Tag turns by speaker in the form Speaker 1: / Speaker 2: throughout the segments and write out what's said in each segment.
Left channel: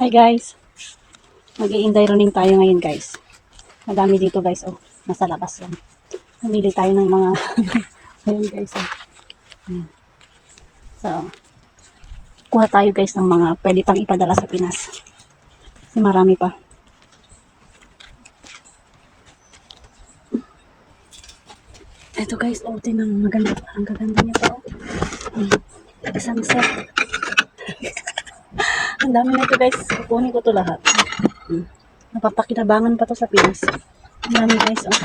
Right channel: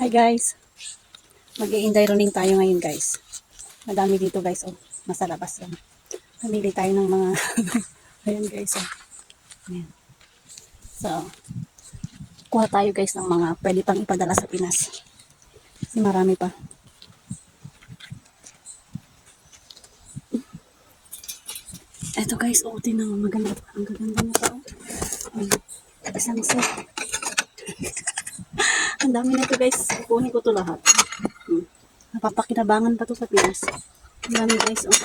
Speaker 1: Hi guys. mag i running tayo ngayon guys. Madami dito guys oh. Nasa labas yan. Namili tayo ng mga Ayan guys oh. Ayan. So, kuha tayo guys ng mga pwede pang ipadala sa Pinas. Kasi marami pa. Eto guys, oh, tingnan mo maganda. Ang gaganda niya pa oh. Isang set. Ang dami na ito guys. Kunin ko to lahat. Hmm. Napapakinabangan pa to sa Pinas. Ang dami guys. Oh.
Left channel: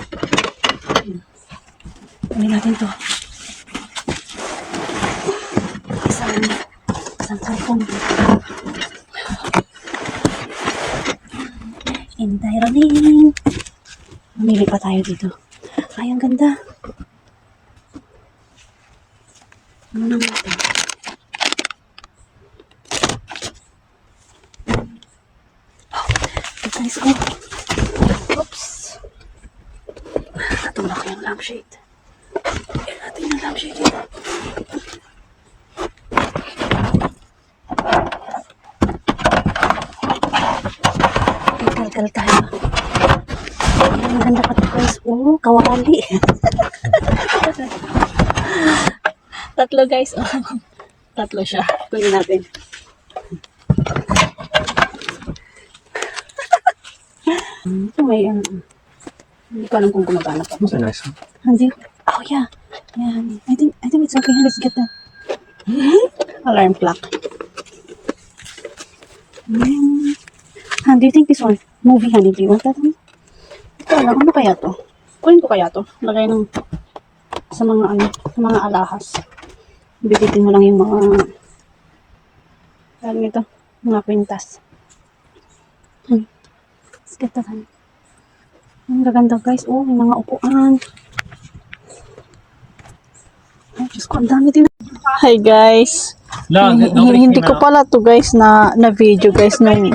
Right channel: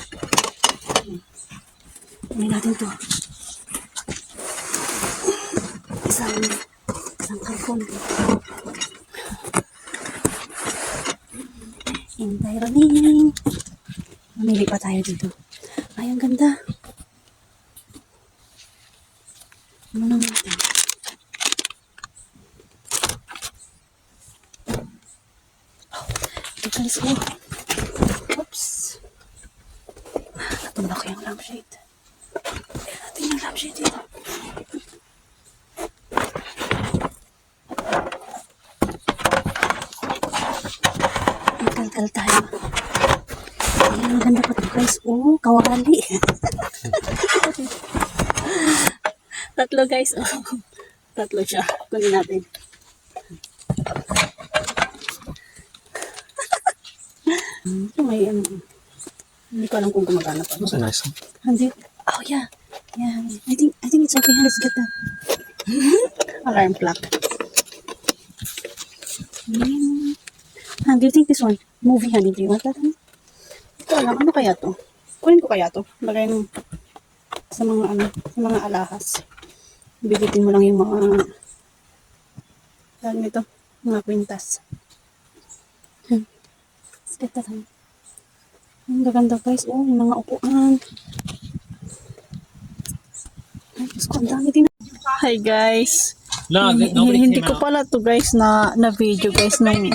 Speaker 1: Hmm. Kunin natin to. Isang, isang karton. Hintay running. Mamili pa tayo dito. Ay, ang ganda. Ano naman ito? Guys, oh. Oops. Natulak ko yung lampshade. Ayan natin yung lampshade dito. Kalkal tayo. Ayan, maganda pa ito guys. Oh, kawali. Tatlo guys. Oh. Tatlo siya. Kunin natin. Hmm, may ano. Hindi ko alam kung gumagana pa.
Speaker 2: A nice.
Speaker 1: Hindi. Oh yeah. Yeah. I think I think it's okay. Let's get that. Alarm clock. Hmm. Han, do you think this one? Movie, honey, do you want that? Honey? Ito, alam, ano kaya to? Kunin ko kaya to? Lagay ng sa mga ano, sa mga alahas. Bibitin mo lang yung mga ano nito, mga kwintas. That, honey. Ang gaganda guys. Oh, may mga upuan. Ay, Diyos ko, ang dami din. Hi guys.
Speaker 2: Nobody
Speaker 1: hindi
Speaker 2: came
Speaker 1: ko pala to guys na na video guys nung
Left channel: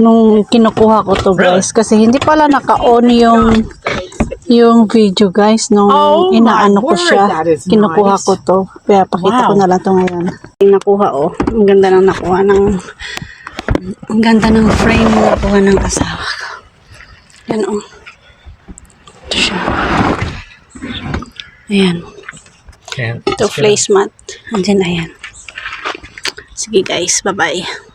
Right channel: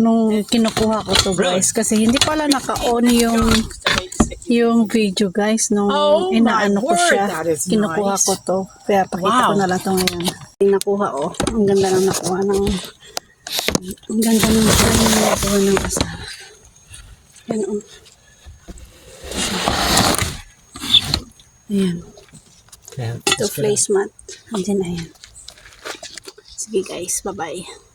Speaker 1: nung kinukuha ko to guys kasi hindi pala naka-on yung yung video guys nung
Speaker 3: Oh
Speaker 1: inaano ko siya kinukuha
Speaker 3: nice.
Speaker 1: ko to kaya pakita ko
Speaker 3: Wow.
Speaker 1: na lang to ngayon nakuha oh ang ganda ng nakuha ng ang ganda ng frame na nakuha ng asawa ko. Yan oh. Ito siya. Ayan.
Speaker 2: Can't.
Speaker 1: ito placemat andyan ayan. Sige guys. Bye bye